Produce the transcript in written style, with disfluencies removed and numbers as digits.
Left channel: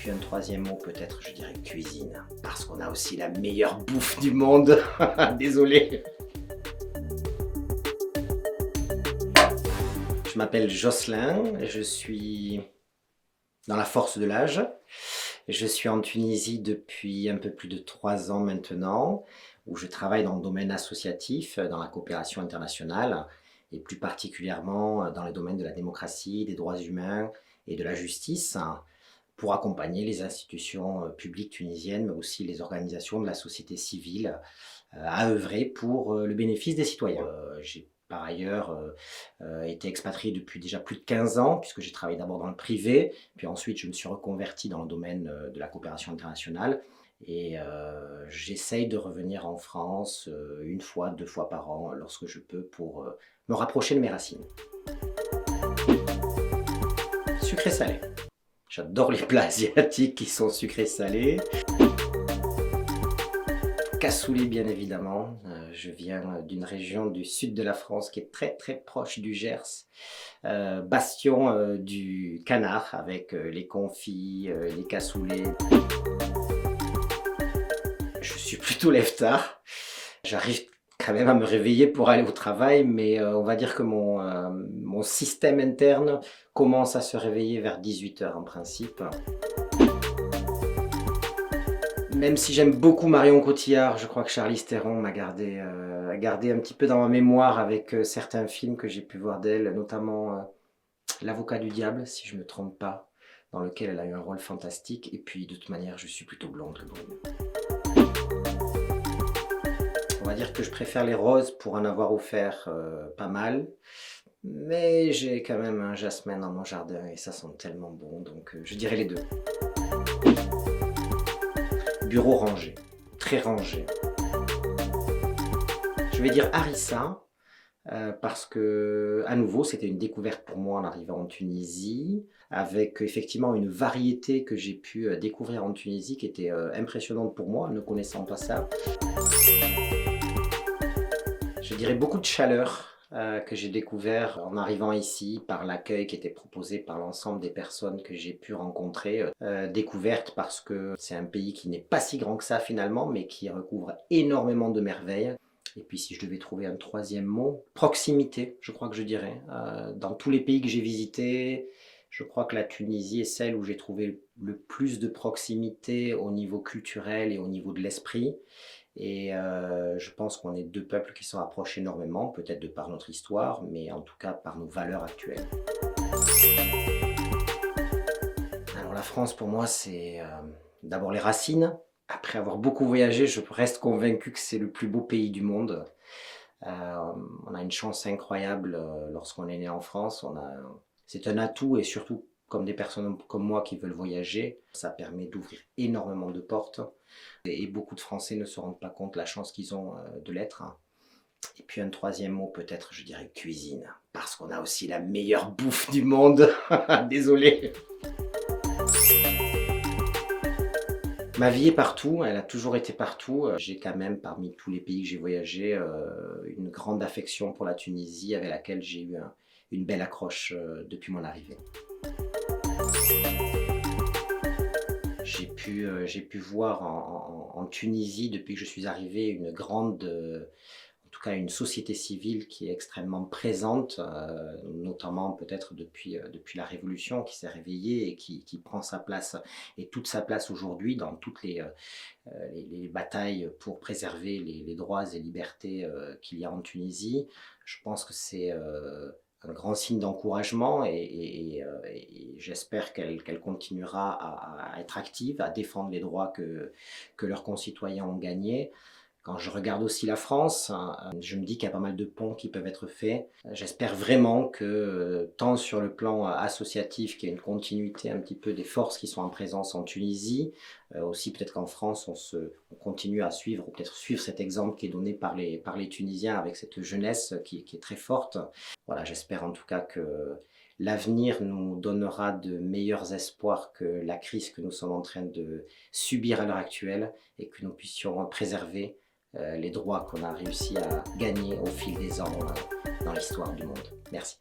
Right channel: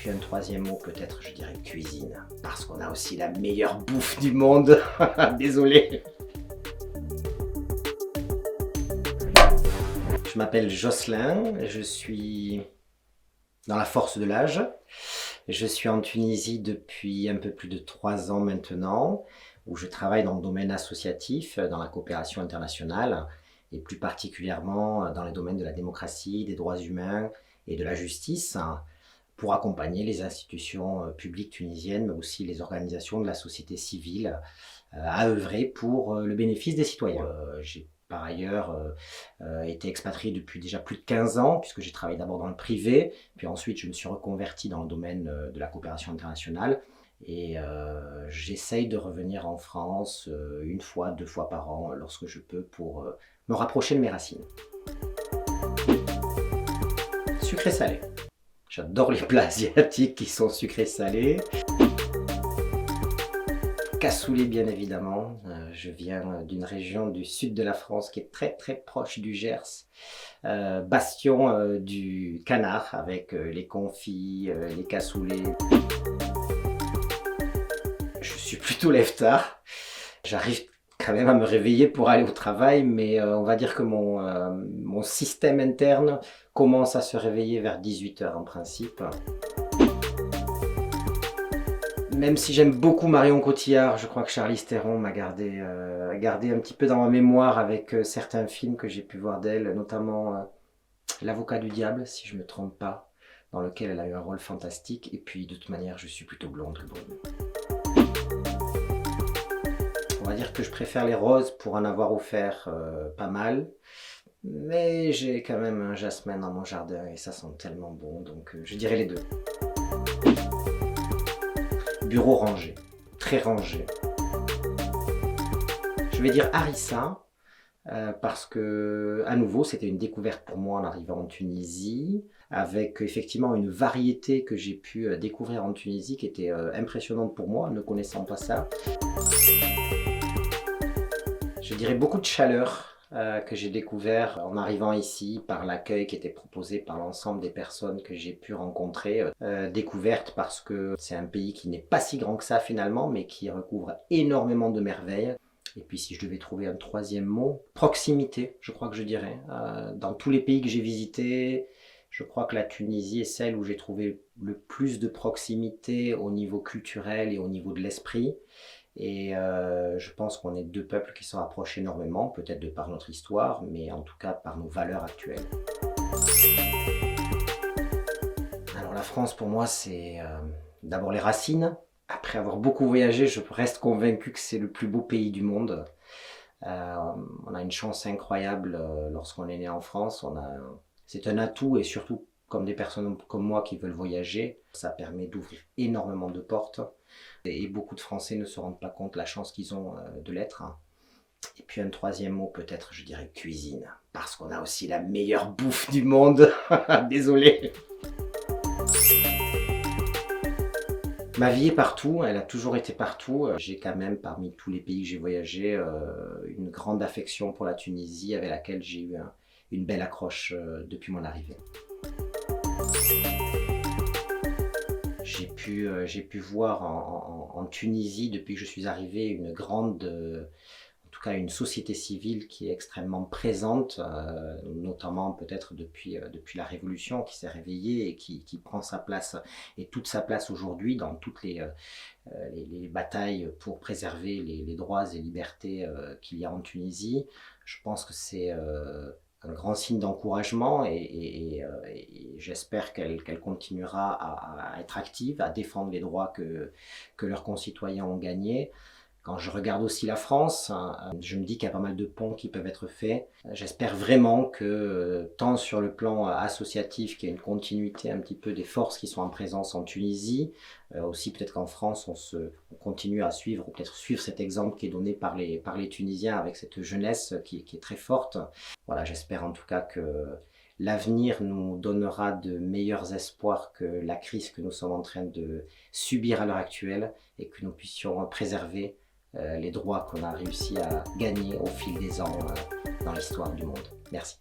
puis un troisième mot, peut-être, je dirais cuisine, parce qu'on a aussi la meilleure bouffe du monde. Désolé. Je m'appelle Jocelyn, je suis dans la force de l'âge. Je suis en Tunisie depuis un peu plus de 3 ans maintenant, où je travaille dans le domaine associatif, dans la coopération internationale, et plus particulièrement dans le domaine de la démocratie, des droits humains et de la justice, pour accompagner les institutions publiques tunisiennes, mais aussi les organisations de la société civile, à œuvrer pour le bénéfice des citoyens. J'ai par ailleurs été expatrié depuis déjà plus de 15 ans, puisque j'ai travaillé d'abord dans le privé, puis ensuite je me suis reconverti dans le domaine de la coopération internationale, et j'essaye de revenir en France 1 fois, 2 fois par an, lorsque je peux, pour me rapprocher de mes racines. Sucré-salé. J'adore les plats asiatiques qui sont sucrés-salés. Cassoulet, bien évidemment. Je viens d'une région du sud de la France qui est très très proche du Gers. Bastion du canard, avec les confits, les cassoulets. Je suis plutôt lève-tard. J'arrive quand même à me réveiller pour aller au travail, mais on va dire que mon système interne commence à se réveiller vers 18 h en principe. Même si j'aime beaucoup Marion Cotillard, je crois que Charlize Theron m'a gardé un petit peu dans ma mémoire avec certains films que j'ai pu voir d'elle, notamment L'Avocat du Diable, si je ne me trompe pas, dans lequel elle a eu un rôle fantastique. Et puis de toute manière, je suis plutôt blonde que brune. On va dire que je préfère les roses pour en avoir offert pas mal. Mais j'ai quand même un jasmin dans mon jardin et ça sent tellement bon, donc je dirais les deux. Bureau rangé, très rangé. Je vais dire harissa, parce que, à nouveau, c'était une découverte pour moi en arrivant en Tunisie, avec effectivement une variété que j'ai pu découvrir en Tunisie qui était impressionnante pour moi, ne connaissant pas ça. Je dirais beaucoup de chaleur que j'ai découvert en arrivant ici, par l'accueil qui était proposé par l'ensemble des personnes que j'ai pu rencontrer. Découverte parce que c'est un pays qui n'est pas si grand que ça finalement, mais qui recouvre énormément de merveilles. Et puis si je devais trouver un troisième mot, proximité, je crois que je dirais. Dans tous les pays que j'ai visités, je crois que la Tunisie est celle où j'ai trouvé le plus de proximité au niveau culturel et au niveau de l'esprit. Et je pense qu'on est deux peuples qui se rapprochent énormément, peut-être de par notre histoire, mais en tout cas par nos valeurs actuelles. Alors la France pour moi c'est d'abord les racines. Après avoir beaucoup voyagé, je reste convaincu que c'est le plus beau pays du monde. On a une chance incroyable lorsqu'on est né en France. C'est un atout, et surtout comme des personnes comme moi qui veulent voyager, ça permet d'ouvrir énormément de portes. Et beaucoup de Français ne se rendent pas compte de la chance qu'ils ont de l'être. Et puis un troisième mot, peut-être, je dirais cuisine, parce qu'on a aussi la meilleure bouffe du monde. Désolé. Ma vie est partout, elle a toujours été partout. J'ai quand même, parmi tous les pays que j'ai voyagé, une grande affection pour la Tunisie, avec laquelle j'ai eu une belle accroche depuis mon arrivée. J'ai pu voir en Tunisie, depuis que je suis arrivé, une grande, en tout cas une société civile qui est extrêmement présente, notamment peut-être depuis la Révolution, qui s'est réveillée et qui prend sa place, et toute sa place aujourd'hui dans toutes les batailles pour préserver les droits et libertés qu'il y a en Tunisie. Je pense que c'est un grand signe d'encouragement, et j'espère qu'elle continuera à être active, à défendre les droits que leurs concitoyens ont gagnés. Quand je regarde aussi la France, je me dis qu'il y a pas mal de ponts qui peuvent être faits. J'espère vraiment que, tant sur le plan associatif, qu'il y a une continuité un petit peu des forces qui sont en présence en Tunisie, aussi peut-être qu'en France on continue à suivre, ou peut-être suivre cet exemple qui est donné par les Tunisiens, avec cette jeunesse qui est très forte. Voilà, j'espère en tout cas que l'avenir nous donnera de meilleurs espoirs que la crise que nous sommes en train de subir à l'heure actuelle, et que nous puissions préserver les droits qu'on a réussi à gagner au fil des ans dans l'histoire du monde. Merci.